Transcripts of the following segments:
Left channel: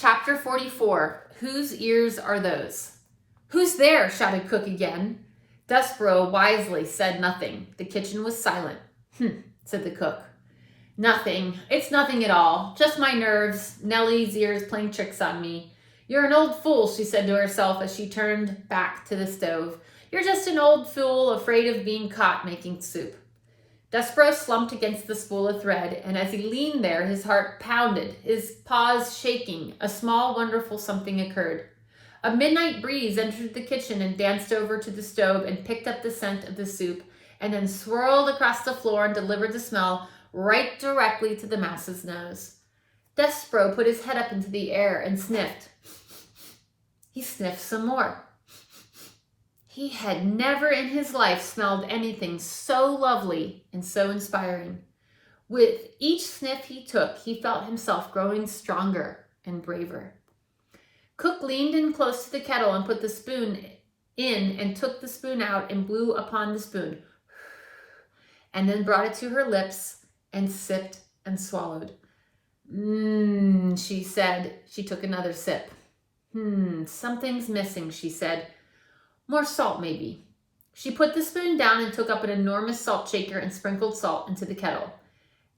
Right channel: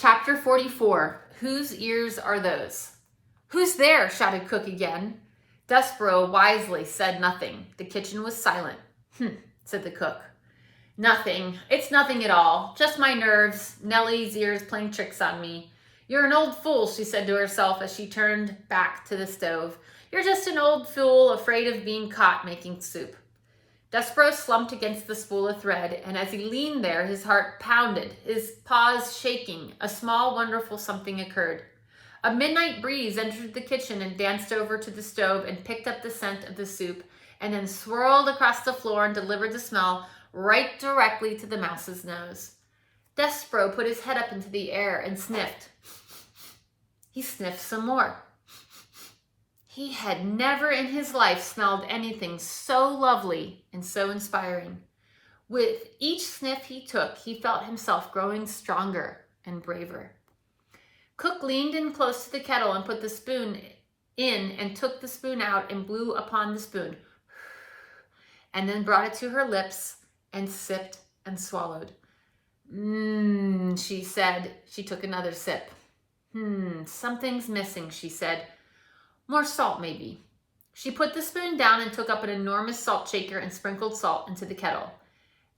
Chapter 44, Whose Ears Are Those? Who's there? Shouted Cook again. Despereaux wisely said nothing. The kitchen was silent. Said the cook. Nothing. It's nothing at all. Just my nerves. Nellie's ears playing tricks on me. You're an old fool, she said to herself as she turned back to the stove. You're just an old fool afraid of being caught making soup. Despereaux slumped against the spool of thread, and as he leaned there, his heart pounded, his paws shaking. A small, wonderful something occurred. A midnight breeze entered the kitchen and danced over to the stove and picked up the scent of the soup, and then swirled across the floor and delivered the smell right directly to the mouse's nose. Despereaux put his head up into the air and sniffed. He sniffed some more. He had never in his life smelled anything so lovely and so inspiring. With each sniff he took, he felt himself growing stronger and braver. Cook leaned in close to the kettle and put the spoon in and took the spoon out and blew upon the spoon, and then brought it to her lips and sipped and swallowed. She said. She took another sip. Something's missing, she said. More salt, maybe. She put the spoon down and took up an enormous salt shaker and sprinkled salt into the kettle.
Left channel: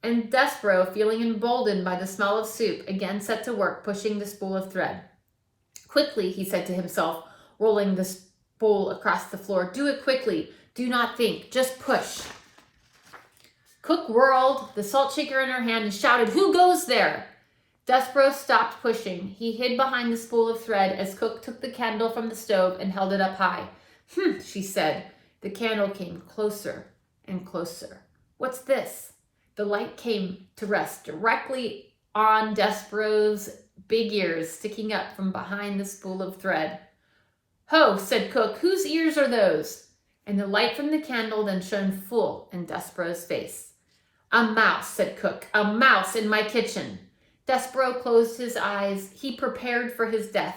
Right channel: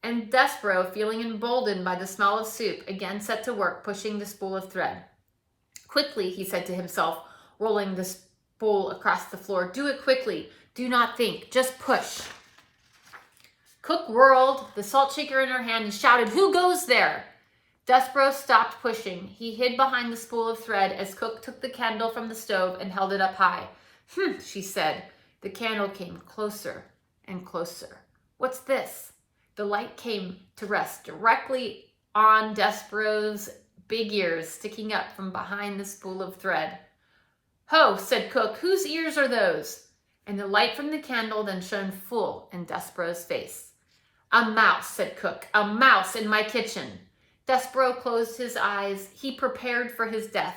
And Despereaux, feeling emboldened by the smell of soup, again set to work pushing the spool of thread. Quickly, he said to himself, rolling the spool across the floor. Do it quickly. Do not think. Just push. Cook whirled the salt shaker in her hand and shouted, Who goes there? Despereaux stopped pushing. He hid behind the spool of thread as Cook took the candle from the stove and held it up high. She said. The candle came closer and closer. What's this? The light came to rest directly on Despereaux's big ears sticking up from behind the spool of thread. Ho, said Cook, whose ears are those? And the light from the candle then shone full in Despereaux's face. A mouse, said Cook, a mouse in my kitchen. Despereaux closed his eyes. He prepared for his death.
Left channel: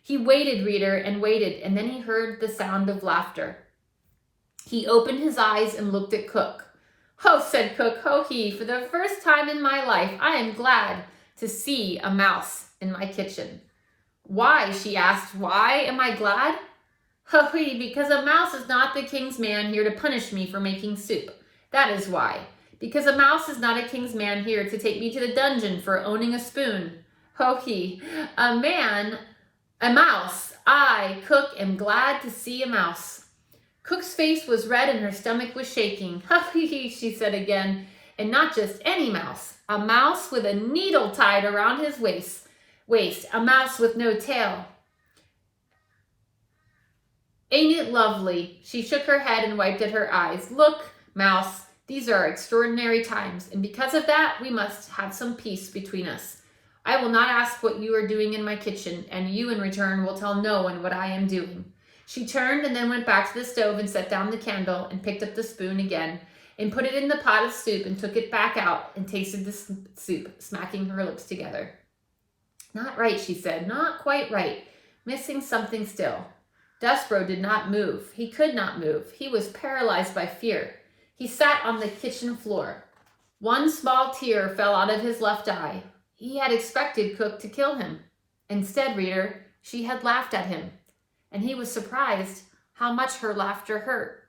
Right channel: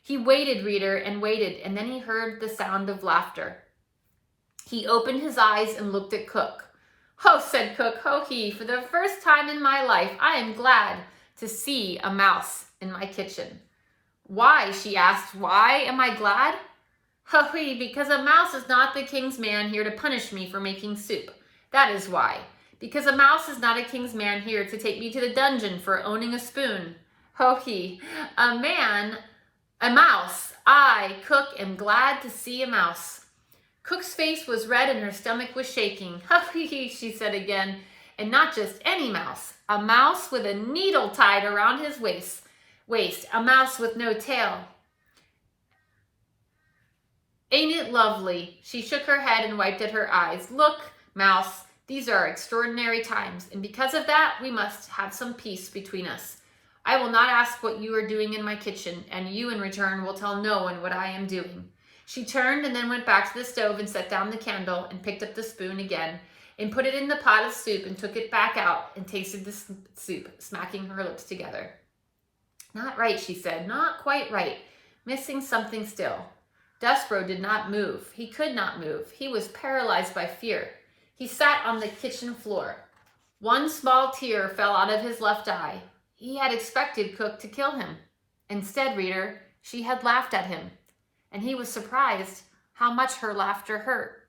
He waited, reader, and waited, and then he heard the sound of laughter. He opened his eyes and looked at Cook. Ho, said Cook, ho he, for the first time in my life, I am glad to see a mouse in my kitchen. Why, she asked, why am I glad? Ho he, because a mouse is not the king's man here to punish me for making soup. That is why. Because a mouse is not a king's man here to take me to the dungeon for owning a spoon. Ho he, a mouse. I, Cook, am glad to see a mouse. Cook's face was red and her stomach was shaking. Ho he, she said again, and not just any mouse. A mouse with a needle tied around his waist. A mouse with no tail. Ain't it lovely? She shook her head and wiped at her eyes. Look, mouse. These are extraordinary times, and because of that, we must have some peace between us. I will not ask what you are doing in my kitchen, and you in return will tell no one what I am doing. She turned and then went back to the stove and set down the candle and picked up the spoon again and put it in the pot of soup and took it back out and tasted the soup, smacking her lips together. Not right, she said, not quite right. Missing something still. Despereaux did not move. He could not move. He was paralyzed by fear. He sat on the kitchen floor. One small tear fell out of his left eye. He had expected Cook to kill him. Instead, reader, she had laughed at him, and he was surprised how much her laughter hurt.